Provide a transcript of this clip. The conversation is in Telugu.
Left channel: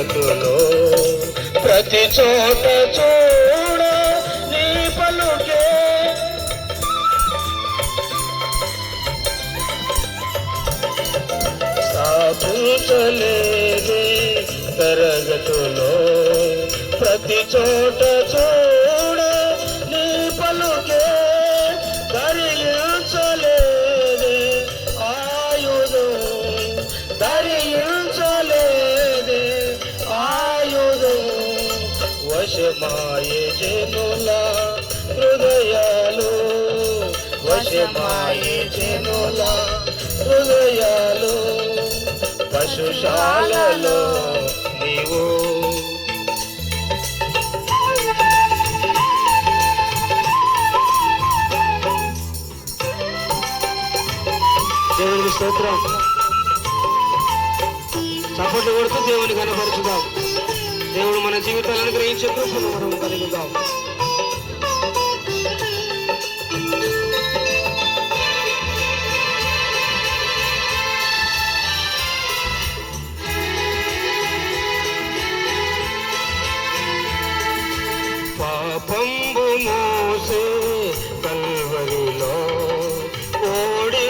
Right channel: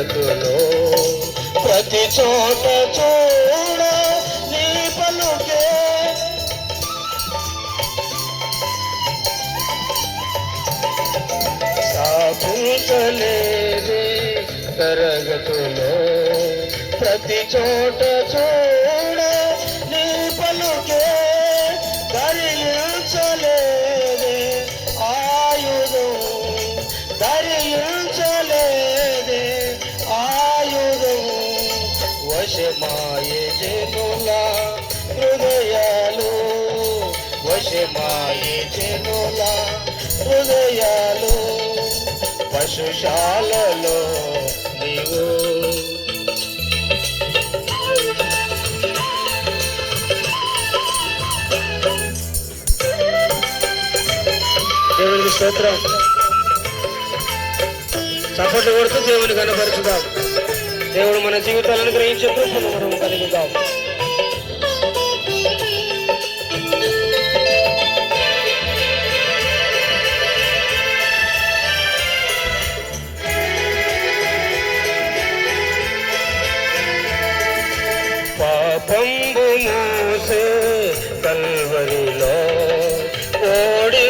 జగతులో ప్రతి చోట చూడ నీ పలుకే స్థాపించలేదే తరగతులో ప్రతి చోట చూడ నీ పలుకే ధరించలేదే ఆయుధం ధరించలేదే ఆయుధం వశమాయే జనుల హృదయాలు వశమాయే జనుల హృదయాలు పశుశాలలో నీవు దేవునికి స్తోత్రం. చప్పట్లు కొడుతూ దేవుని కనపరుచుదాం. దేవుడు మన జీవితాలను గ్రహించే కృపను మనం కలుగుదాం. పాపంబు మోసే కల్వరిలో ఓడి